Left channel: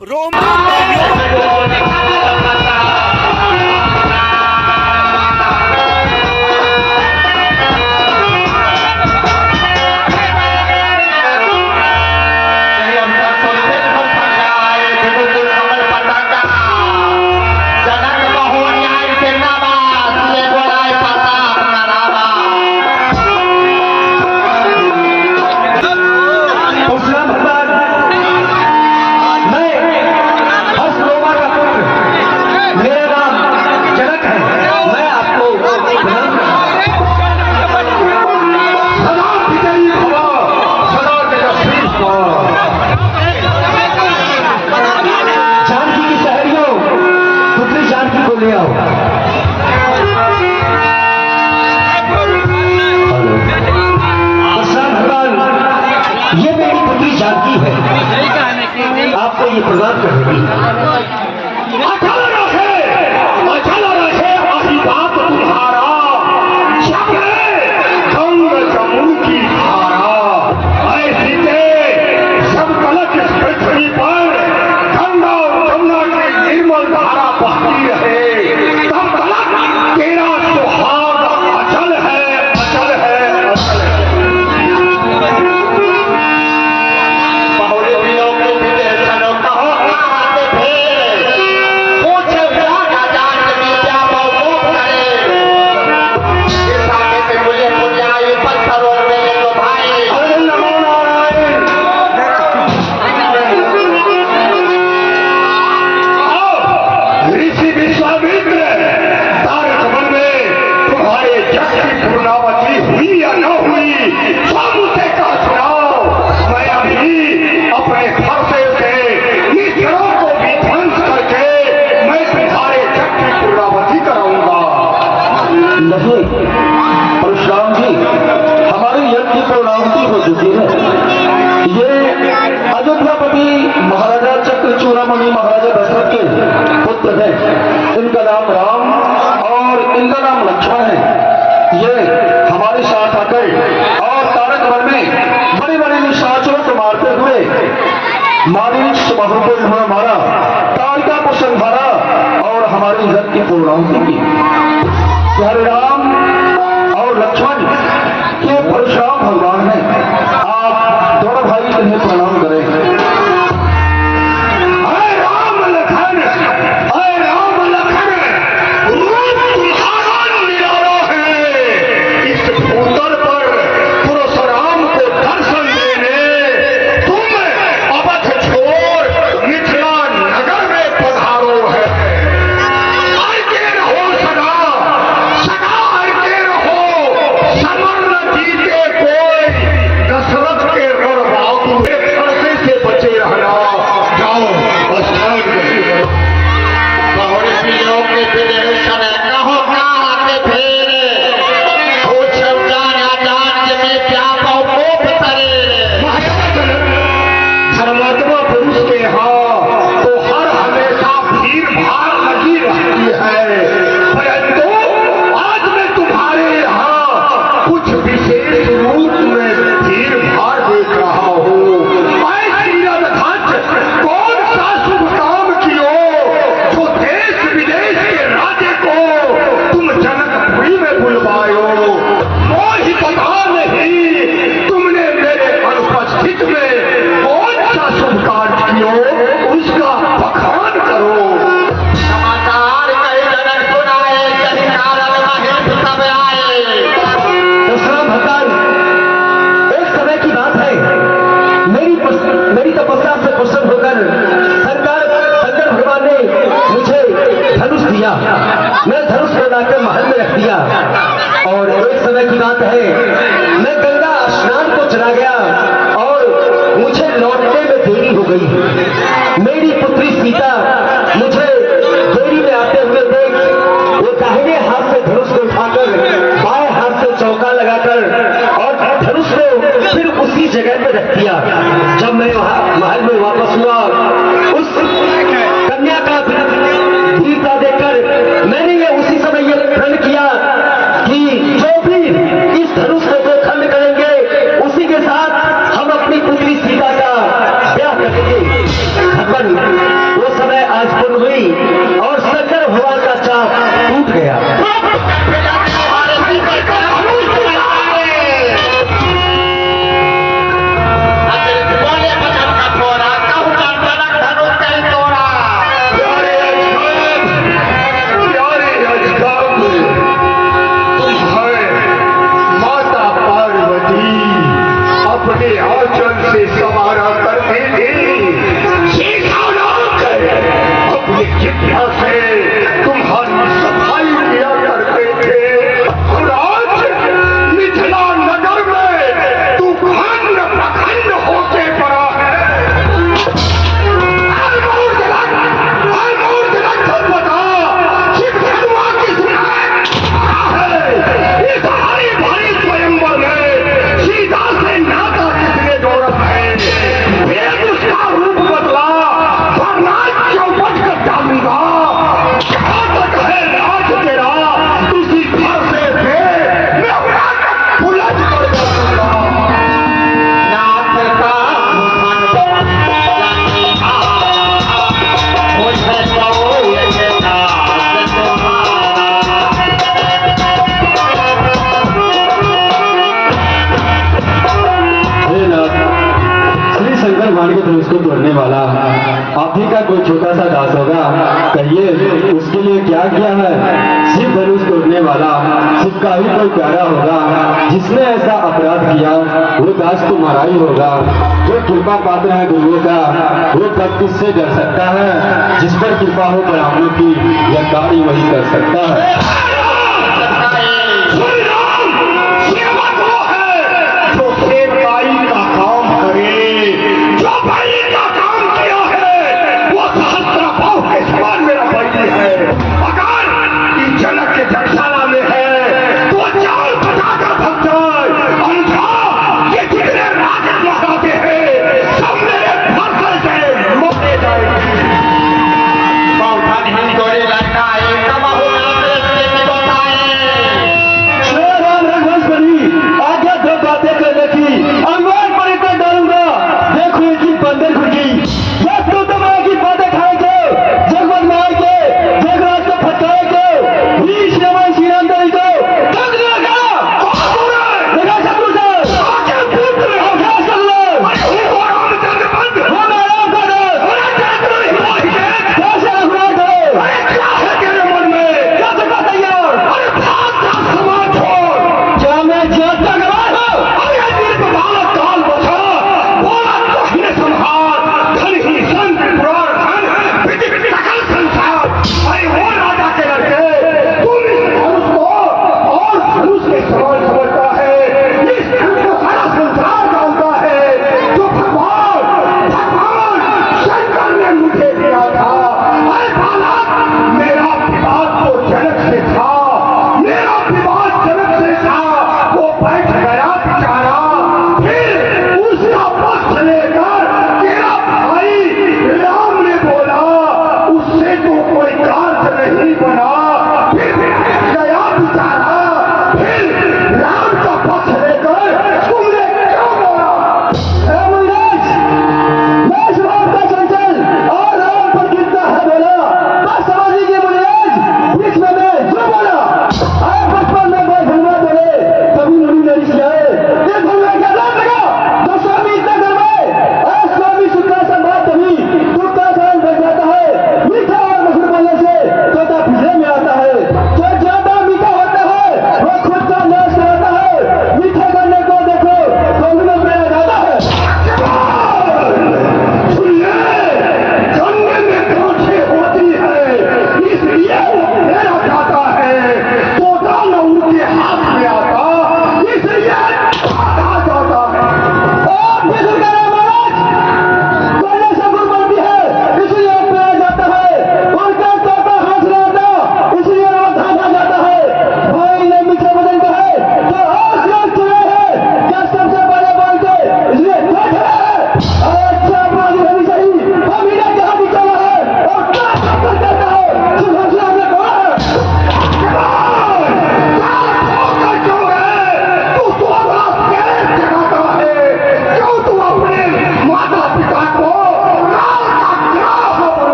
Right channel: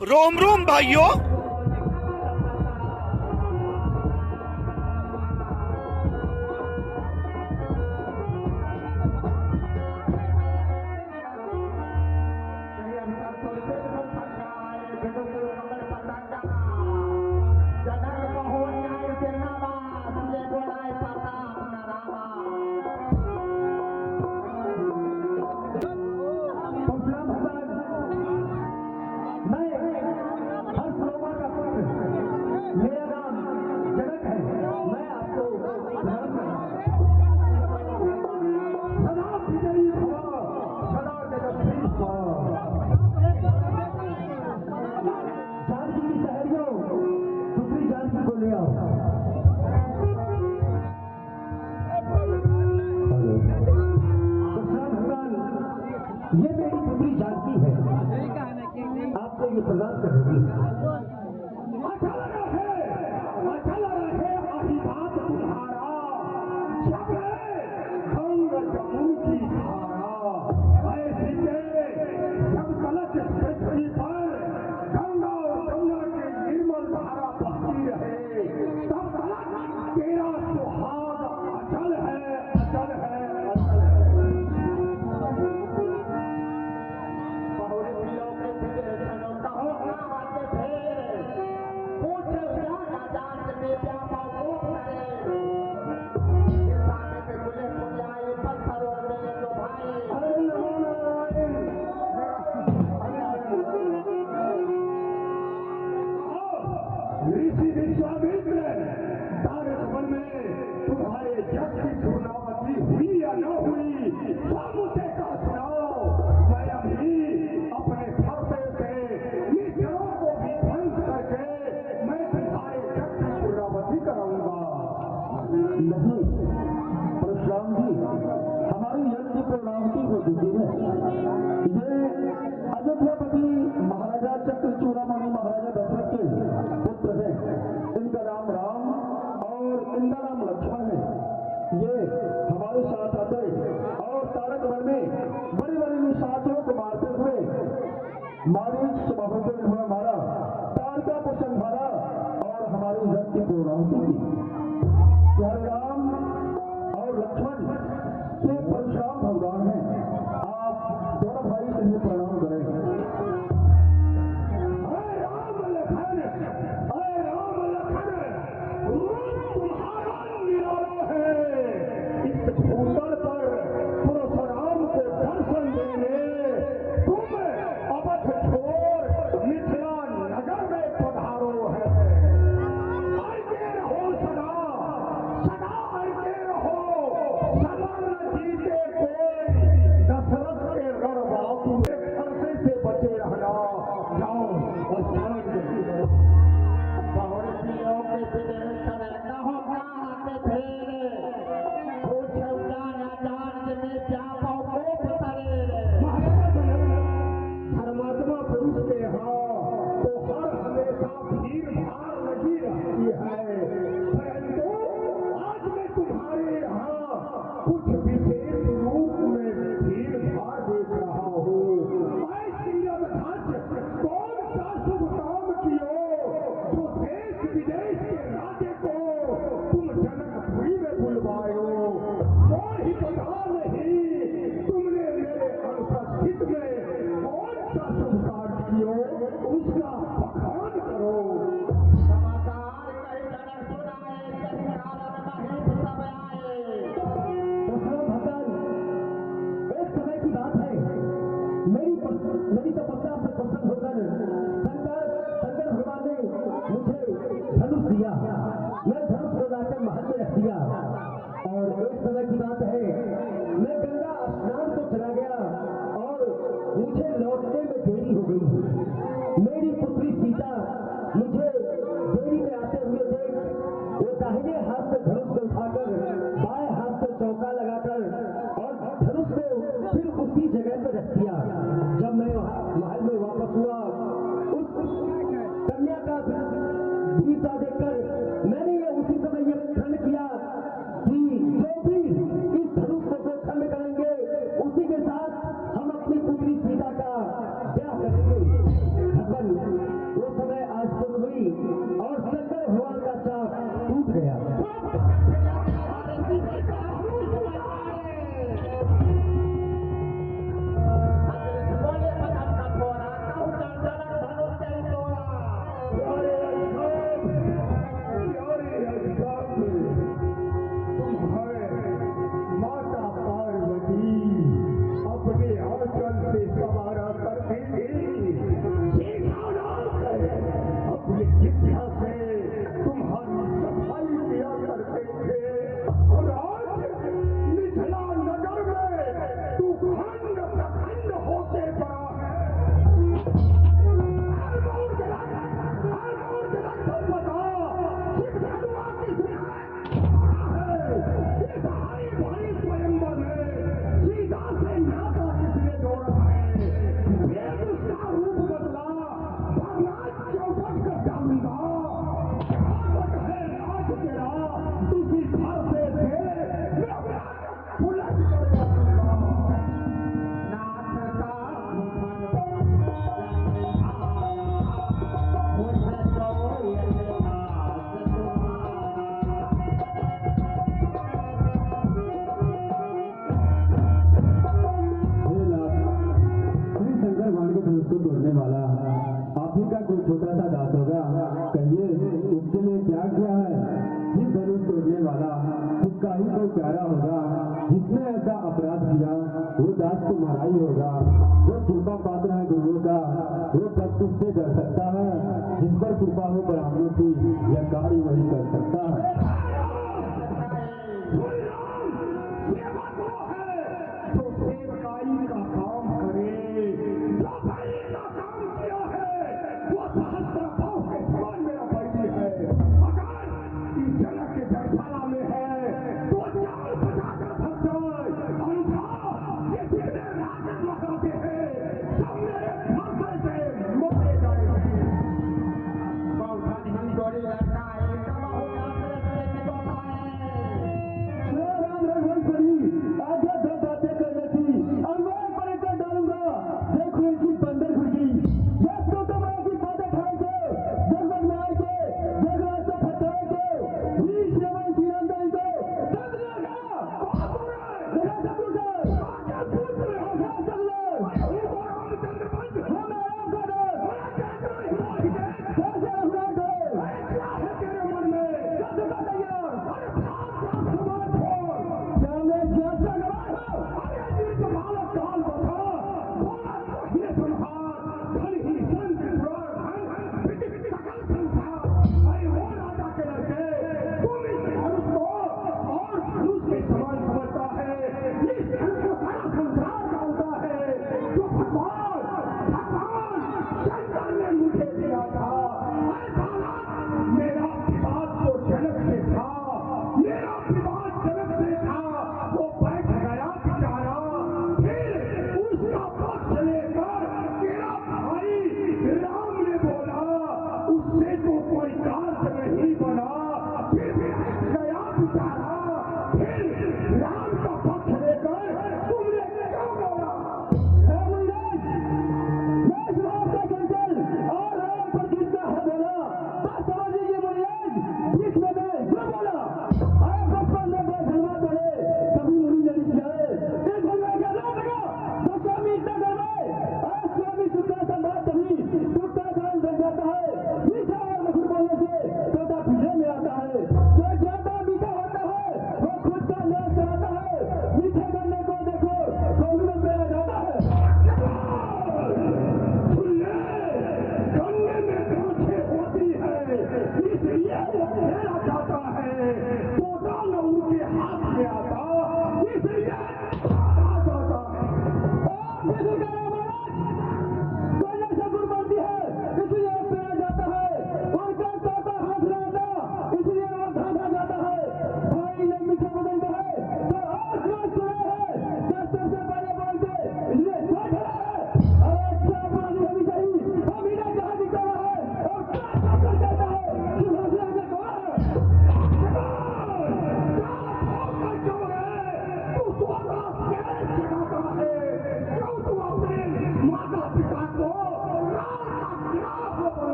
रोम रोम भाइयों। ये मेरी पुत्री जानकी है, आपको ये प्रदान करेगी। आशीर्वाद तुम्हारा जब गंग जमुन की धारा, ऐसी सब कलश इस पृथ्वी पर गंगा और जमुना की निर्मल धारा बहती रहे, तब तलक तेरा सुहाग अचल है, अचल है, अचल है। नहीं परशुराम जी, हमारी यज्ञ की पूर्णाहुति हो चुकी है। ये अयोध्यापति महाराजा चक्रचूड़ामणि महाराजा दशरथ के पुत्र हैं। इनका नाम राम और इनका नाम लक्ष्मण है। ये हमारे साथ आकर और तारक वन में बड़े बड़े निशाचरों को मारते हुए मारीच बाहु को इन्होंने मारा, तारिका को संहारा और हमारी यज्ञ की पूर्णाहुति की। हरे राम और लक्ष्मण ये परशुराम भगवान हैं। आप दोनों भाई इन्हें प्रणाम करें। अरे राम लखन, अरे राम लखन, रूप तुम्हारा निराला है। इस भूतल पर परशुराम को दर्शन देने तुम अवध छोड़ मिथिला नगर में पधारो है। मेरी तपस्या से प्रसन्न होकर शंकर भगवान ने मुझे धनुष दिया। मैं धनुष बनाकर महल में रख दिया और एक समय की बात है, मैं गंगा स्नान को चला गया और मुझे लौटने में देरी हो गई। मेरी पुत्री सीता मुझे देरी में आते हुए देख वो दाहिने हाथ से धनुष को उठाकर बाएं हाथ से चौका लगाकर और धनुष को फिर उसी जगह पे रख दिया। जब मैं महल में वापस हुआ, उस कन्या का वीरता देखकर मैंने ये उसी समय ये प्रण किया कि जो भी इस धनुष को दो खंड करेंगे उसी के साथ हम अपनी पुत्री सीता का ब्याह करेंगे। भगवान आज पूर्ण हुई और शंकर भगवान का चाप टूट गया। उसको तोड़ने वाला आप ही का कोई छोटा सा दास होगा, कहिए उसके लिए क्या किया है? शिव धनुष तोड़ने वाला शिव का ही कोई प्यारा होगा, जिसने ऐसा अपराध किया वो दास तुम्हारा ही होगा। जो कृपा पात्र है गुरुओं का वो कब किससे डर सकता है? जिस पर कृपा हो ब्राह्मणों की यह कार्य वही कर सकता है।